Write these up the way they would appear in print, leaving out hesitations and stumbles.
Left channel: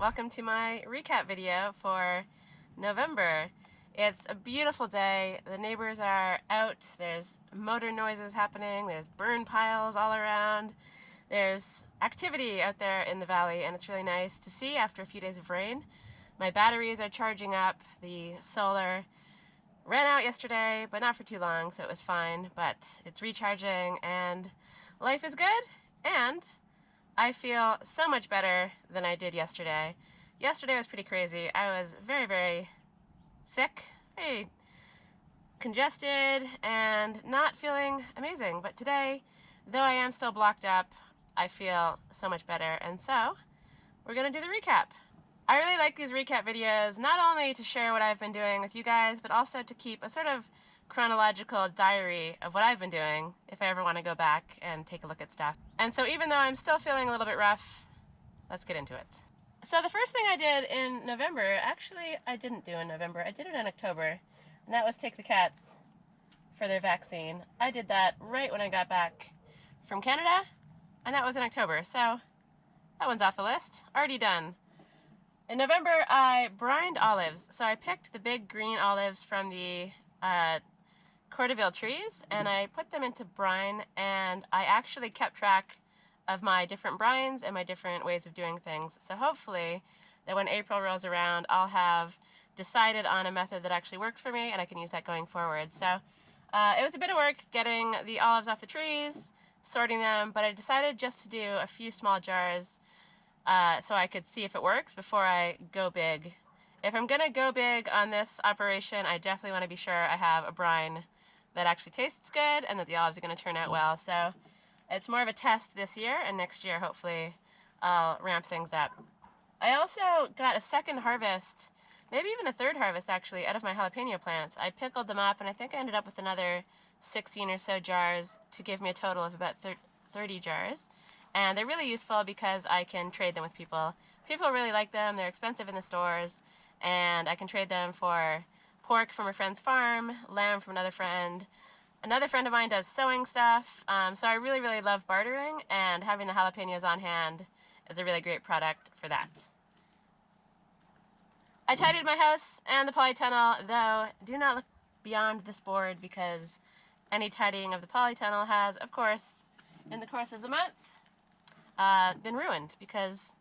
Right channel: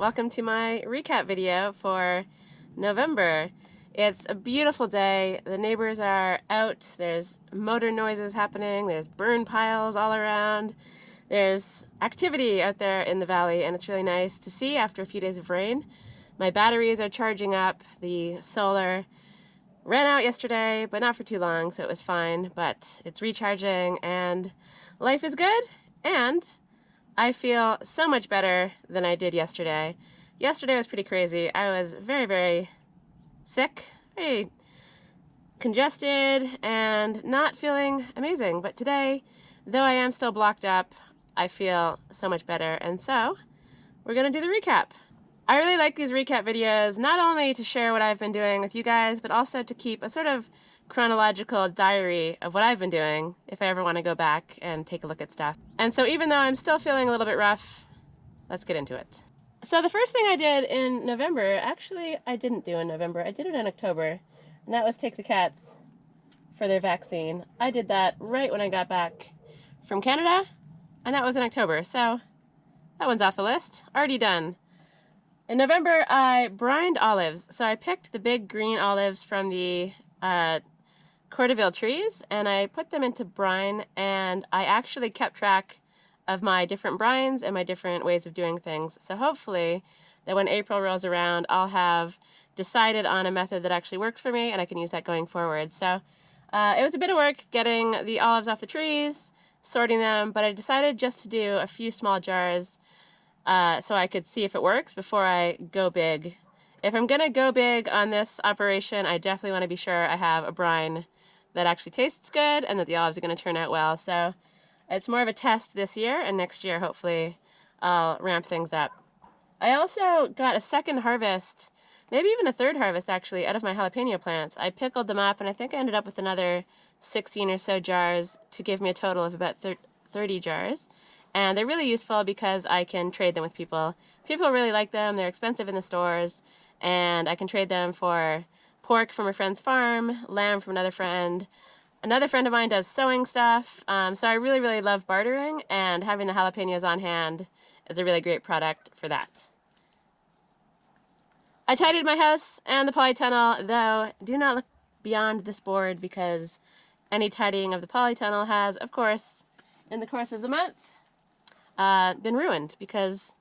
Welcome to my recap video for November. It's a beautiful day. The neighbors are out. There's motor noises happening. There's burn piles all around. There's activity out there in the valley, and it's really nice to see after a few days of rain. My batteries are charging up. The solar ran out yesterday, but not for too long, so it was fine. But it's recharging, and life is good, and I feel so much better than I did yesterday. Yesterday was pretty crazy. I was very, very sick, very congested, and not feeling amazing. But today, though I am still blocked up, I feel so much better. And so, we're gonna do the recap. I really like these recap videos, not only to share what I've been doing with you guys, but also to keep a sort of chronological diary of what I've been doing if I ever want to go back and take a look at stuff. And so even though I'm still feeling a little bit rough, let's get into it. So the first thing I did in November, actually I didn't do in November, I did it in October, and that was take the cats for their vaccine. I did that right when I got back from Canada, and that was in October, so that one's off the list. Already done. In November, I brined olives. So I picked the big green olives from the Cordeville trees, and I put them into brine, and I actually kept track of my different brines and my different ways of doing things. So hopefully that when April rolls around, I'll have decided on a method that actually works for me, and I can use that going forward. So it was a bit of work getting the olives off the trees, sorting them, but I decided just to do a few small jars so I could see if it works before I go big. If I'm gonna go big on this operation, I definitely want to be sure I have a brine that actually tastes good and that the olives are going to turn out well. So it's more of a test this year, and next year hopefully I'll ramp things up. I also got a second harvest, maybe even a third harvest actually, out of my jalapeno plants. I pickled them up, and I think I ended up with another 16 or so jars to give me a total of about 30 jars. And they're really useful because I can trade them with people. People really like them. They're expensive in the stores, and I can trade them for pork from a friend's farm, lamb from another friend. Another friend of mine does sewing stuff, so I really, really love bartering, and having the jalapenos on hand is a really great product for that. I tidied my house and the polytunnel, though do not look beyond this board because any tidying of the polytunnel has, of course, in the course of the month, been ruined because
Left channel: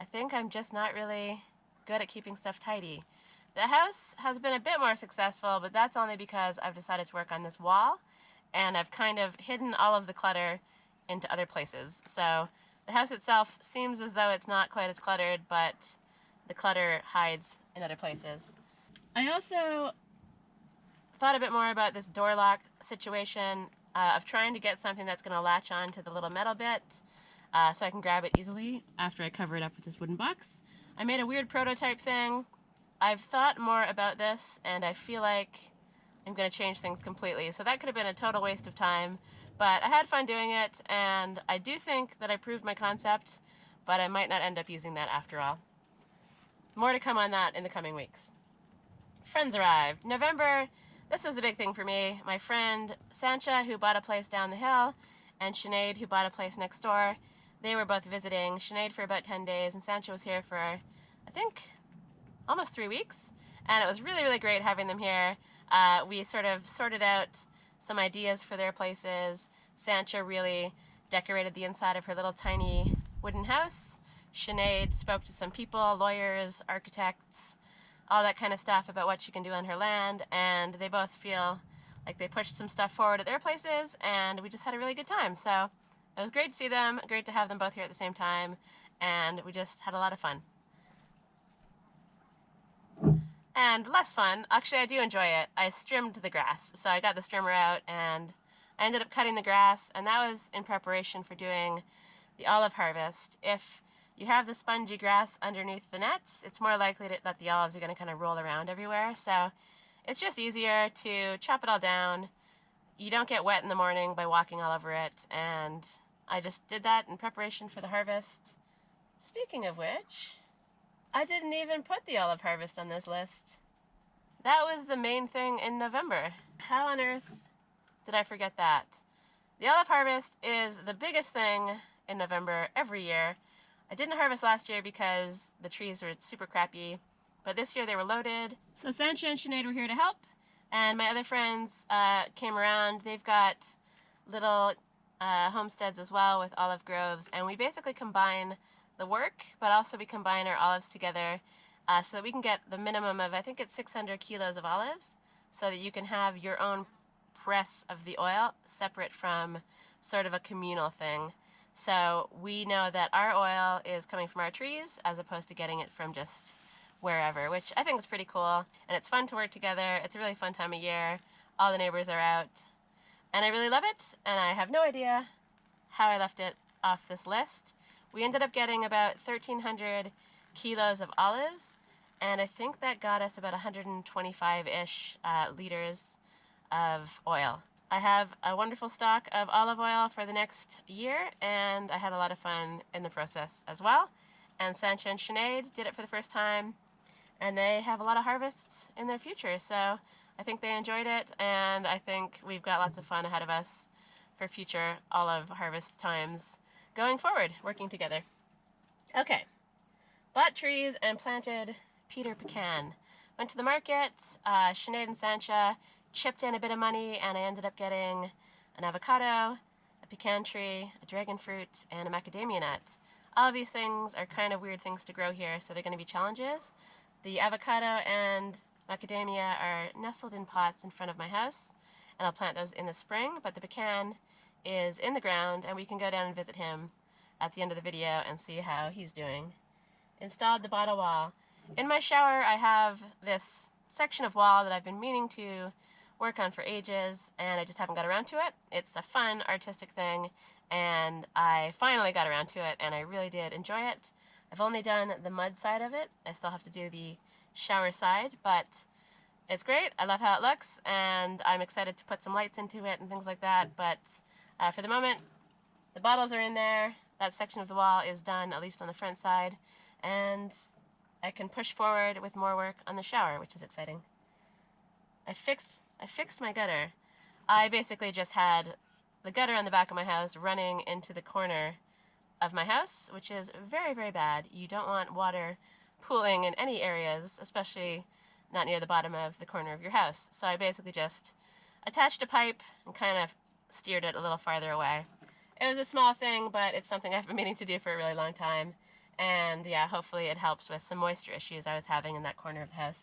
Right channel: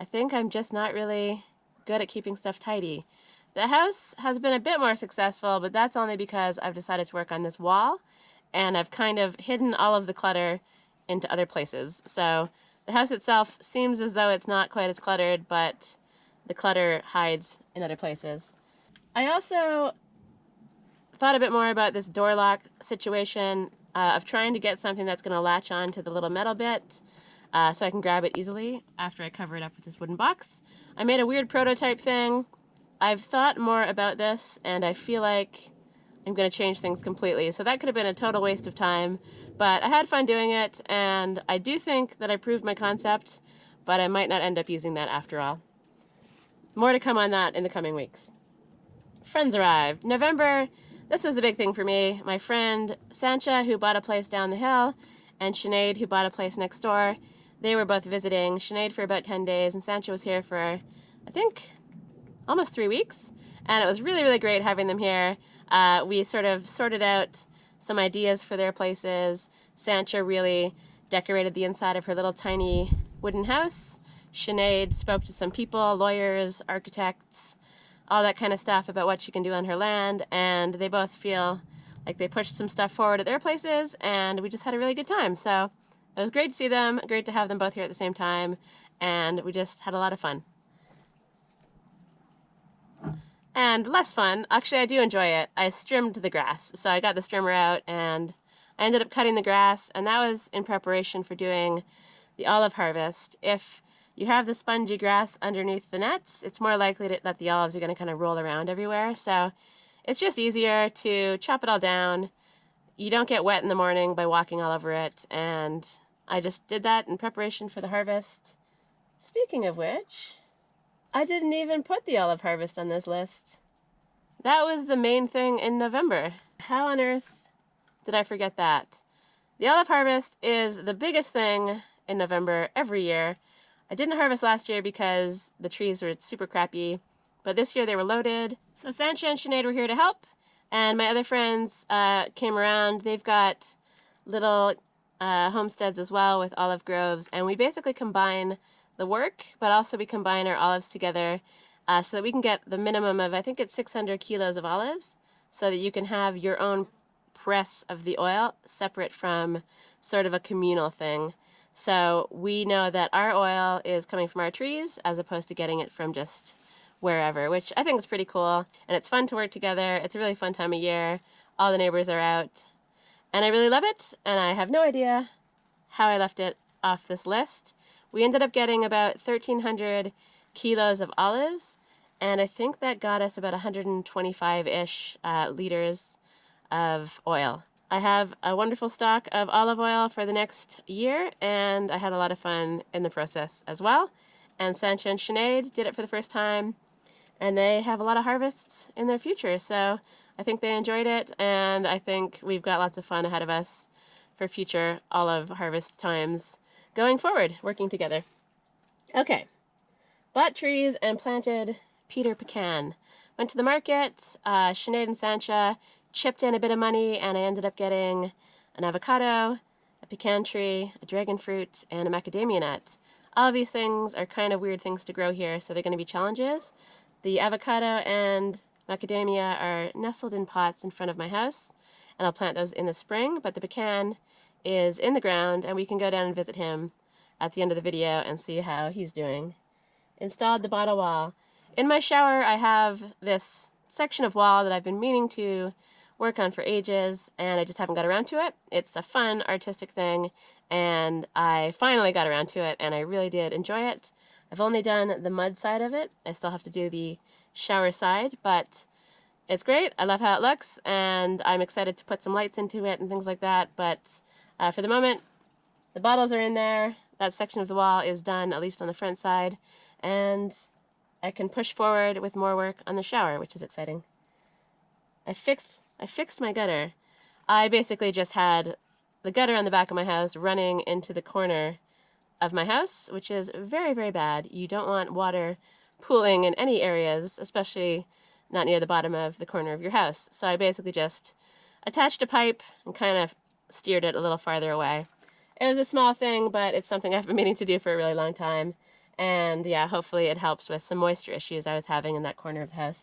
I think I'm just not really good at keeping stuff tidy. The house has been a bit more successful, but that's only because I've decided to work on this wall, and I've kind of hidden all of the clutter into other places. So the house itself seems as though it's not quite as cluttered, but the clutter hides in other places. I also thought a bit more about this door lock situation of trying to get something that's going to latch on to the little metal bit so I can grab it easily after I cover it up with this wooden box. I made a weird prototype thing. I've thought more about this, and I feel like I'm going to change things completely. So that could have been a total waste of time, but I had fun doing it, and I do think that I proved my concept, but I might not end up using that after all. More to come on that in the coming weeks. Friends arrived. November, this was the big thing for me. My friend Sancha, who bought a place down the hill, and Sinead, who bought a place next door, they were both visiting. Sinead for about 10 days, and Sancha was here for, I think, almost 3 weeks, and it was really, really great having them here. We sort of sorted out some ideas for their places. Sancha really decorated the inside of her little tiny wooden house. Sinead spoke to some people, lawyers, architects, all that kind of stuff about what she can do on her land, and they both feel like they pushed some stuff forward at their places, and we just had a really good time. So it was great to see them, great to have them both here at the same time, and we just had a lot of fun. And less fun, actually I do enjoy it, I trimmed the grass. So I got the trimmer out and I ended up cutting the grass, and that was in preparation for doing the olive harvest. If you have the spongy grass underneath the nets, it's more likely that the olives are going to kind of roll around everywhere. So it's just easier to chop it all down. You don't get wet in the morning by walking all over it, and I just did that in preparation for the harvest. Speaking of which, I didn't even put the olive harvest on this list. That was the main thing in November. How on earth did I forget that? The olive harvest is the biggest thing in November every year. I didn't harvest last year because the trees were super crappy, but this year they were loaded. So Sancha and Sinead were here to help, and my other friends came around. They've got little homesteads as well with olive groves, and we basically combine the work, but also we combine our olives together so that we can get the minimum of, I think it's 600 kilos of olives, so that you can have your own press of the oil separate from sort of a communal thing. So we know that our oil is coming from our trees as opposed to getting it from just wherever, which I think is pretty cool. And it's fun to work together. It's a really fun time of year. All the neighbors are out. And I really love it. And I have no idea how I left it off this list. We ended up getting about 1,300 kilos of olives. And I think that got us about 125-ish liters of oil. I have a wonderful stock of olive oil for the next year, and I had a lot of fun in the process as well. And Sancha and Sinead did it for the first time, and they have a lot of harvests in their future, so I think they enjoyed it, and I think we've got lots of fun ahead of us for future olive harvest times going forward, working together. Okay, bought trees and planted Peter pecan. Went to the market, Sinead and Sancha chipped in a bit of money, and I ended up getting an avocado, a pecan tree, a dragon fruit, and a macadamia nut. All of these things are kind of weird things to grow here, so they're going to be challenges. The avocado and macadamia are nestled in pots in front of my house, and I'll plant those in the spring, but the pecan is in the ground, and we can go down and visit him at the end of the video and see how he's doing. Installed the bottle wall. In my shower, I have this section of wall that I've been meaning to work on for ages, and I just haven't got around to it. It's a fun artistic thing, and I finally got around to it, and I really did enjoy it. I've only done the mud side of it. I still have to do the shower side, but it's great. I love how it looks, and I'm excited to put some lights into it and things like that, but for the moment, the bottles are in there. That section of the wall is done, at least on the front side, and I can push forward with more work on the shower, which is exciting. I fixed my gutter. I basically just had the gutter on the back of my house running into the corner of my house, which is very, very bad. You don't want water pooling in any areas, especially not near the bottom of the corner of your house. So I basically just attached a pipe and kind of steered it a little farther away. It was a small thing, but it's something I've been meaning to do for a really long time. And yeah, hopefully it helps with some moisture issues I was having in that corner of the house.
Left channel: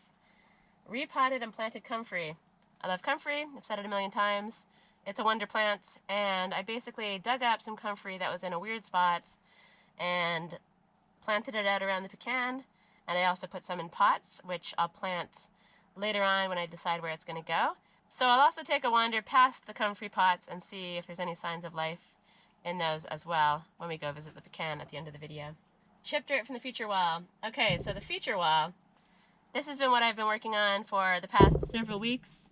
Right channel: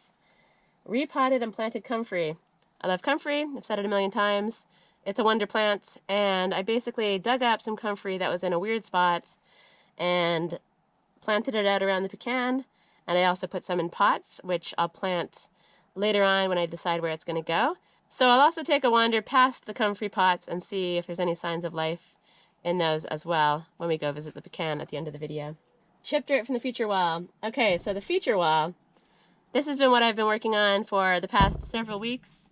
Repotted and planted comfrey. I love comfrey. I've said it a million times. It's a wonder plant, and I basically dug up some comfrey that was in a weird spot and planted it out around the pecan, and I also put some in pots, which I'll plant later on when I decide where it's going to go. So I'll also take a wander past the comfrey pots and see if there's any signs of life in those as well when we go visit the pecan at the end of the video. Chip dirt from the feature wall. Okay, so the feature wall, this has been what I've been working on for the past several weeks.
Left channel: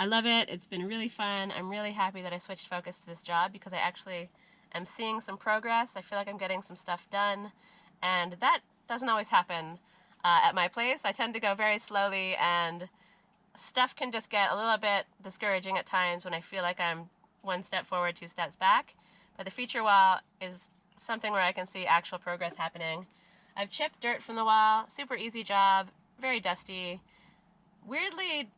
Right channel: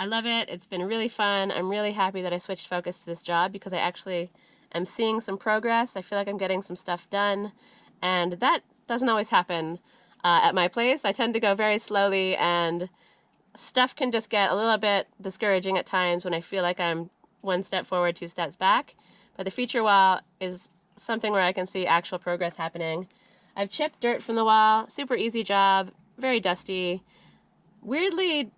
I love it. It's been really fun. I'm really happy that I switched focus to this job because I actually am seeing some progress. I feel like I'm getting some stuff done, and that doesn't always happen at my place. I tend to go very slowly, and stuff can just get a little bit discouraging at times when I feel like I'm one step forward, two steps back. But the feature wall is something where I can see actual progress happening. I've chipped dirt from the wall. Super easy job. Very dusty. Weirdly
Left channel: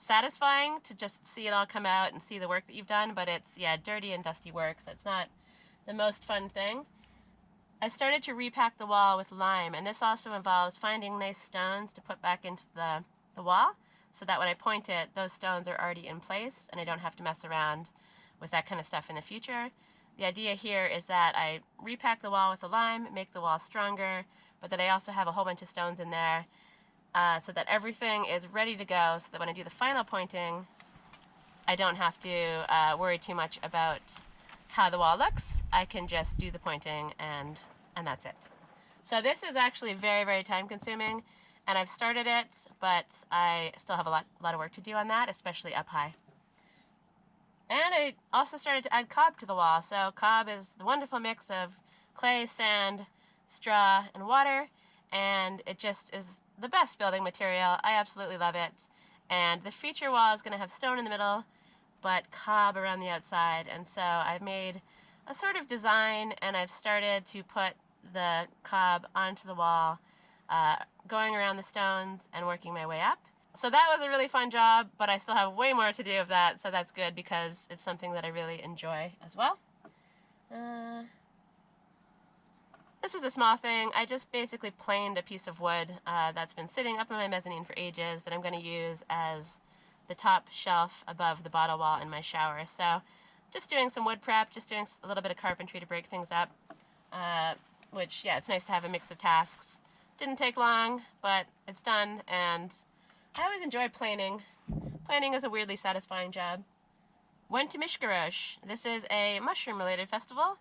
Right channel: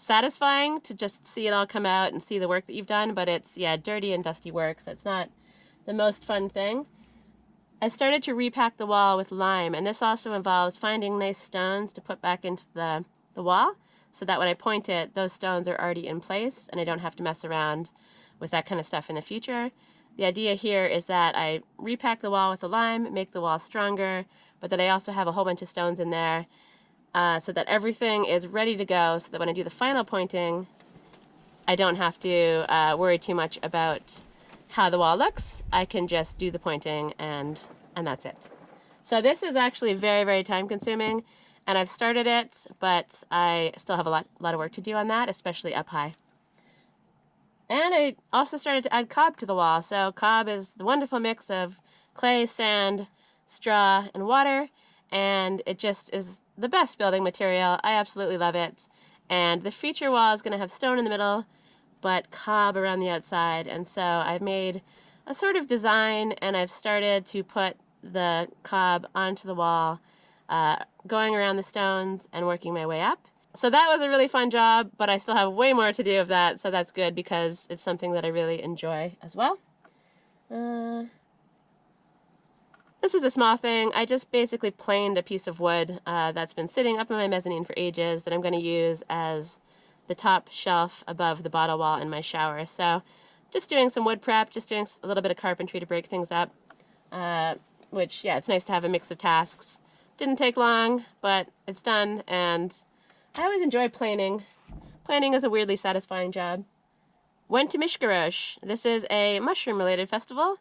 satisfying to just see it all come out and see the work that you've done, but it's, yeah, dirty and dusty work, so it's not the most fun thing. I started to repack the wall with lime, and this also involves finding nice stones to put back into the wall, so that when I point it, those stones are already in place, and I don't have to mess around with that kind of stuff in the future. The idea here is that I repack the wall with the lime, make the wall stronger, but that I also have a whole bunch of stones in there, so that everything is ready to go, so that when I do the final pointing, I don't have to worry too much about how the wall looks. I can just do the pointing and that's it. So this is actually very, very time consuming, and I've started it, but I still have a lot of work to do on that, especially up high. And I also started to add cob to the wall. So cob is the wonderful mix of clay, sand, straw, and water, and it just is the best building material. I absolutely love it. And the feature wall is going to have stone in the middle, but cob around the outside. And so I've made a sort of design, and I've started to put the cob onto the wall, going around the stones and working my way up. So that was a really fun job, but I still have way more to do of that, so that's good because it's something that I really enjoy as well. This was a small thing. I just basically planed a piece of wood that's been sitting up in my mezzanine for ages that I'm going to use as the top shelf above the bottle wall in my shower. So just doing some wood prep, just doing a little bit of carpentry to break things up, which, yeah, it's nice to have a mix of tasks. Didn't take long, but it's done, and I always enjoy planing. Planing is a weirdly satisfying job. Went to Mishkarosh. This is a mushroom-related festival.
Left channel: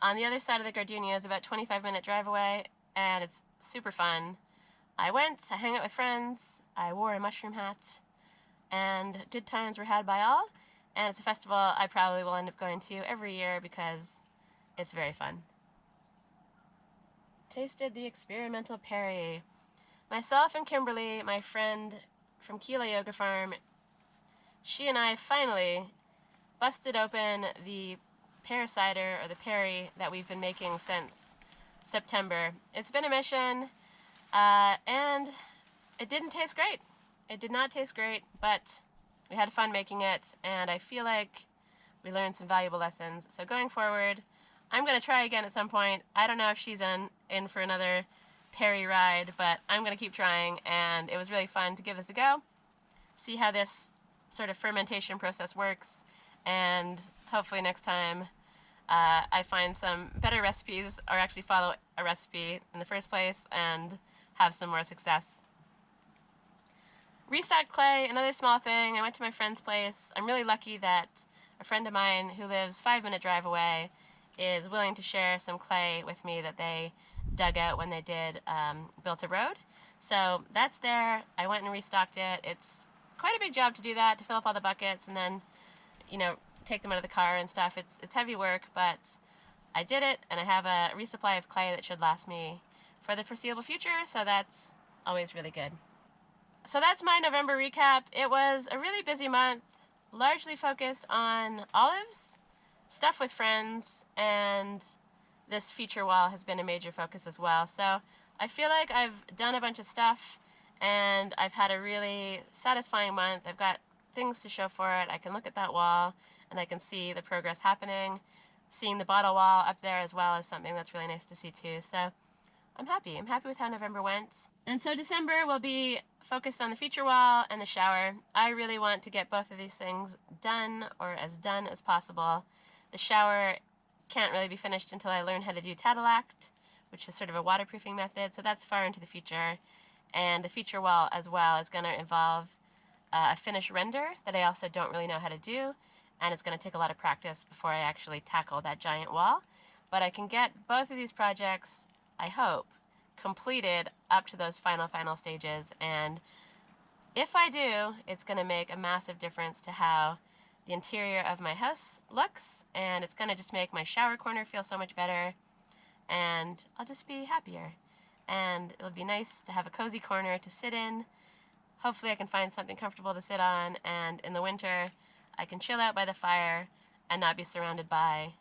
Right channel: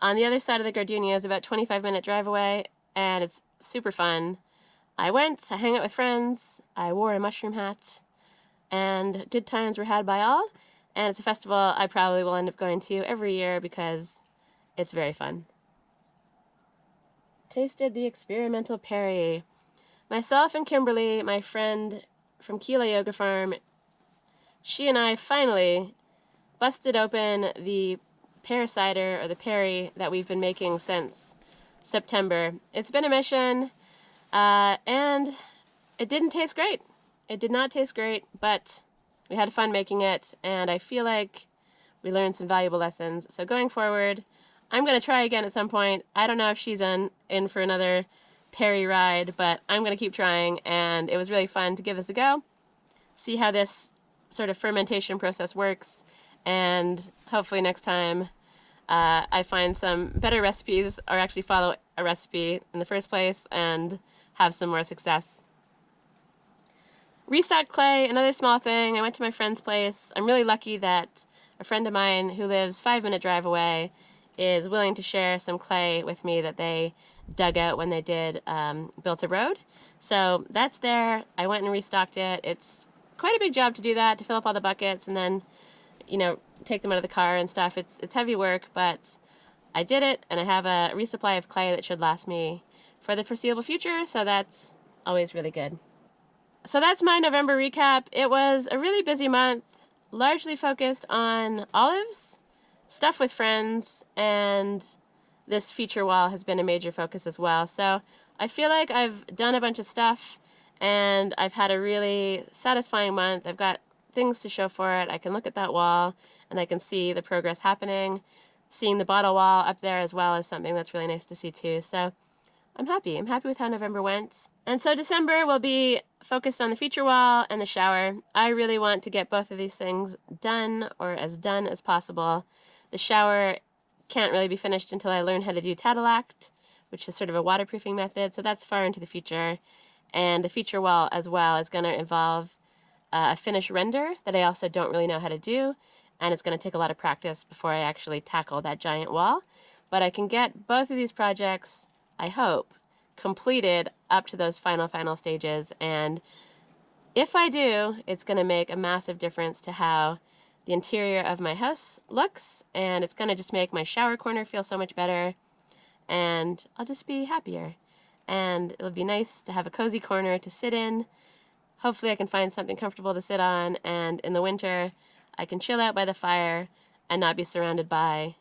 On the other side of the gardenias, about 25-minute drive away, and it's super fun. I went, I hang out with friends, I wore a mushroom hat, and good times were had by all. And it's a festival I probably will end up going to every year because it's very fun. Tasted the experimental Perry. Myself and Kimberly, my friend from Kila Yoga Farm, she and I finally busted open the pear cider, or the Perry, that we've been making since September. It's been a mission, and it didn't taste great. It did not taste great, but we had fun making it, and I feel like we learned some valuable lessons. So going forward, I'm going to try again at some point. I don't know if she's in for another Perry ride, but I'm going to keep trying, and it was really fun to give this a go, see how this sort of fermentation process works, and hopefully next time I find some better recipes, or actually follow a recipe in the first place and have some more success. Restocked clay, another small thing. I went to my friend's place. I'm really lucky that a friend of mine who lives 5-minute drive away is willing to share some clay with me that they dug out when they built a road. So that's there. I went and restocked it. It's quite a big job to do that, to fill up all the buckets and then, you know, take them out of the car and stuff. It's heavy work, but I did it, and I have a resupply of clay that should last me for the foreseeable future, so that's always really good. So that's my November recap. It was a really busy month, largely focused on olives, stuff with friends, and this feature wall has been a major focus as well. So I feel like I've done a bunch of stuff, and I've had a really satisfying month. I've got things to show for it. I can look at that wall and I can see the progress happening. Seeing the bottle wall up there as well is something that's really nice to see too. So I'm happy. I'm happy with how November went. And so December will be focused on the feature wall and the shower. I really want to get both of these things done, or as done as possible. The shower can't really be finished until I learn how to do Tadilact, which is sort of a waterproofing method, so that's far into the future. And the feature wall as well is going to involve a finish render that I also don't really know how to do, and it's going to take a lot of practice before I actually tackle that giant wall. But I can get both of these projects, I hope, completed up to those final stages, and if I do, it's going to make a massive difference to how the interior of my house looks, and it's going to just make my shower corner feel so much better, and I'll just be happier. And it'll be nice to have a cozy corner to sit in. Hopefully I can find something comfortable to sit on, and in the winter I can chill out by the fire and not be surrounded by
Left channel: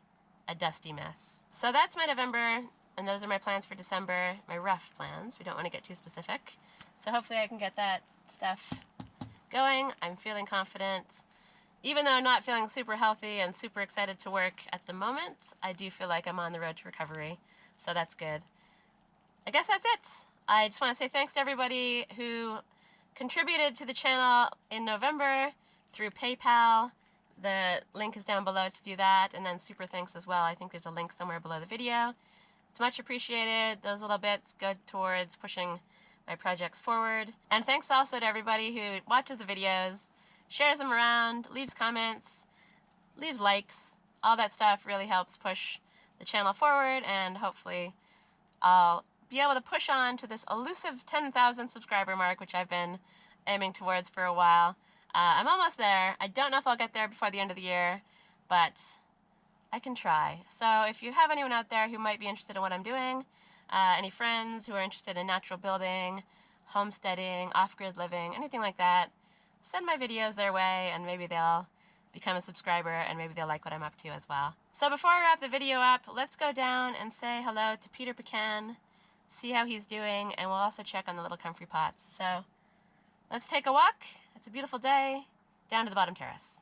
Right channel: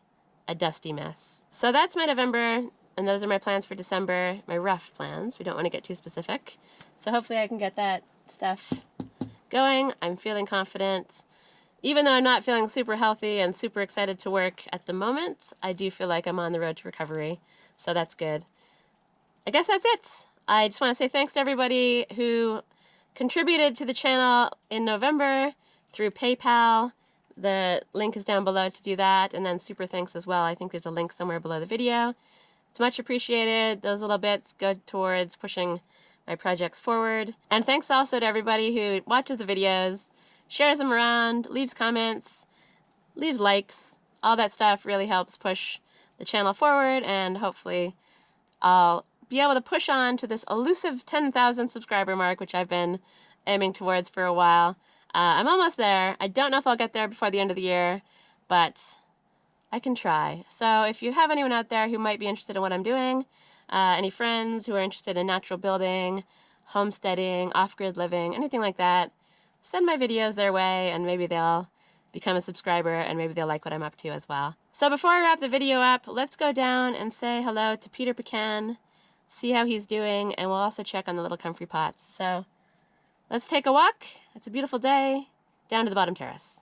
a dusty mess. So that's my November, and those are my plans for December, my rough plans. We don't want to get too specific. So hopefully I can get that stuff going. I'm feeling confident. Even though I'm not feeling super healthy and super excited to work at the moment, I do feel like I'm on the road to recovery, so that's good. I guess that's it. I just want to say thanks to everybody who contributed to the channel in November through PayPal. The link is down below to do that, and then super thanks as well. I think there's a link somewhere below the video. It's much appreciated. Those little bits go towards pushing my projects forward. And thanks also to everybody who watches the videos, shares them around, leaves comments, leaves likes. All that stuff really helps push the channel forward, and hopefully I'll be able to push on to this elusive 10,000 subscriber mark, which I've been aiming towards for a while. I'm almost there. I don't know if I'll get there before the end of the year, but I can try. So if you have anyone out there who might be interested in what I'm doing, any friends who are interested in natural building, homesteading, off-grid living, anything like that, send my videos their way, and maybe they'll become a subscriber, and maybe they'll like what I'm up to as well. So before I wrap the video up, let's go down and say hello to Peter Pecan, see how he's doing, and we'll also check on the little comfrey pots. So let's take a walk. It's a beautiful day down to the bottom terrace.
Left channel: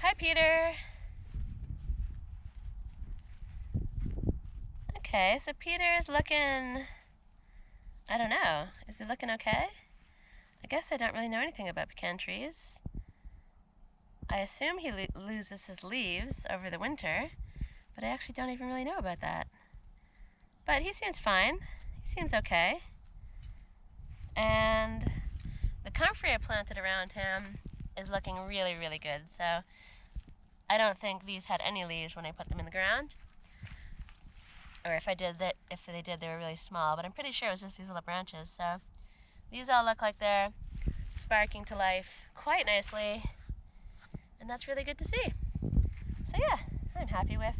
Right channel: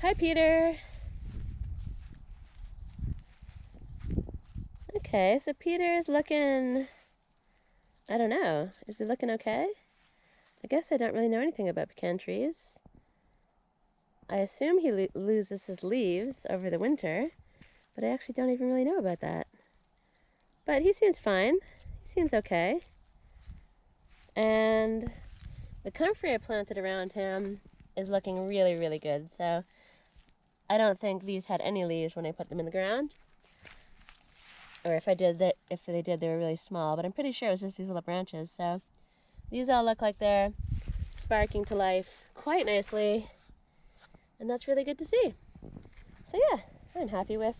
Hi, Peter. Okay, so Peter is looking, I don't know, is he looking okay? I guess I don't really know anything about pecan trees. I assume he loses his leaves over the winter, but I actually don't even really know about that. But he seems fine. He seems okay. And the comfrey I planted around him is looking really, really good. So I don't think these had any leaves when I put them in the ground. Or if they did, they were really small. But I'm pretty sure it was just these little branches. So these all look like they're sparking to life quite nicely. And that's really good to see. So yeah, I'm happy with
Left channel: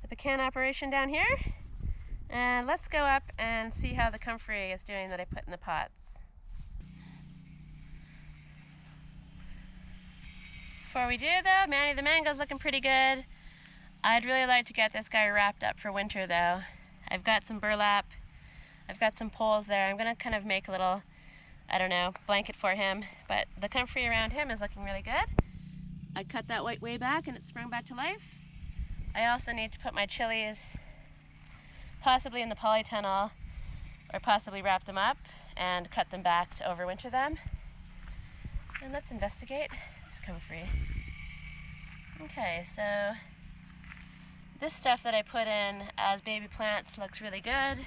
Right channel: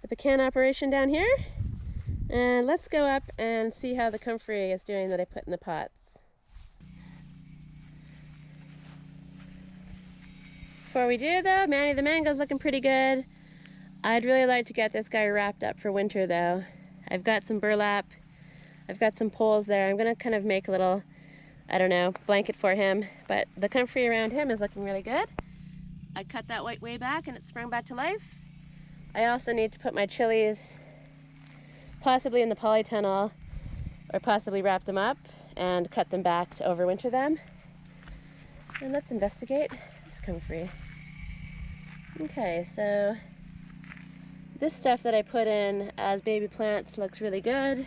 the pecan operation down here. And let's go up and see how the comfrey is doing that I put in the pots. Before we do though, Manny the mango's looking pretty good. I'd really like to get this guy wrapped up for winter though. I've got some burlap, I've got some poles there. I'm gonna kind of make a little, I don't know, blanket for him, but the comfrey around him is looking really good. I cut that white way back and it sprung back to life. I also need to put my chilies possibly in the polytunnel or possibly wrap them up and cut them back to overwinter them. And let's investigate this comfrey. Okay, so this stuff that I put in as baby plants looks really good,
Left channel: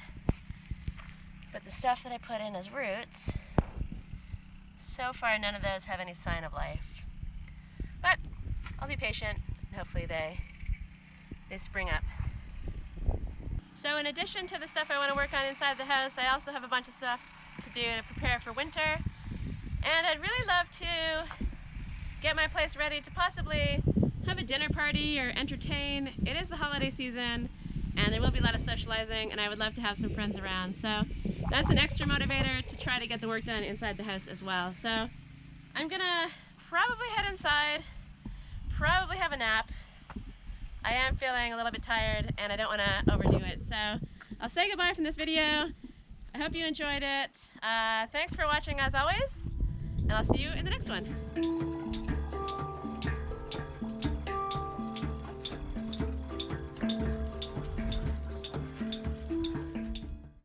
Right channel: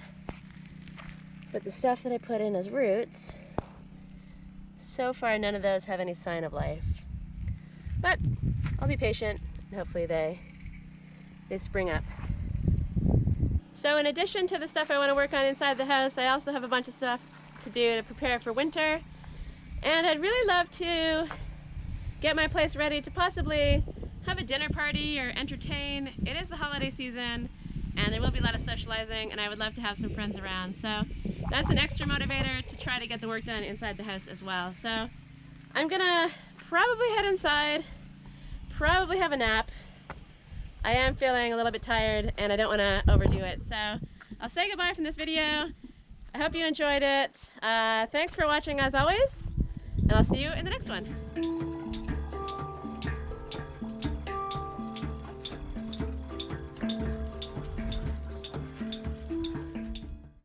but the stuff that I put in as roots, so far none of those have any sign of life. But I'll be patient and hopefully they spring up. So in addition to the stuff I want to work on inside the house, I also have a bunch of stuff to do to prepare for winter. And I'd really love to get my place ready to possibly have a dinner party or entertain. It is the holiday season and there will be a lot of socializing and I would love to have some friends around. So that's an extra motivator to try to get the work done inside the house as well. So I'm gonna probably head inside, probably have a nap. I am feeling a little bit tired and I don't want to overdo it. So I'll say goodbye from this video. I hope you enjoyed it. Thanks for watching as always, and I'll see you in the next one.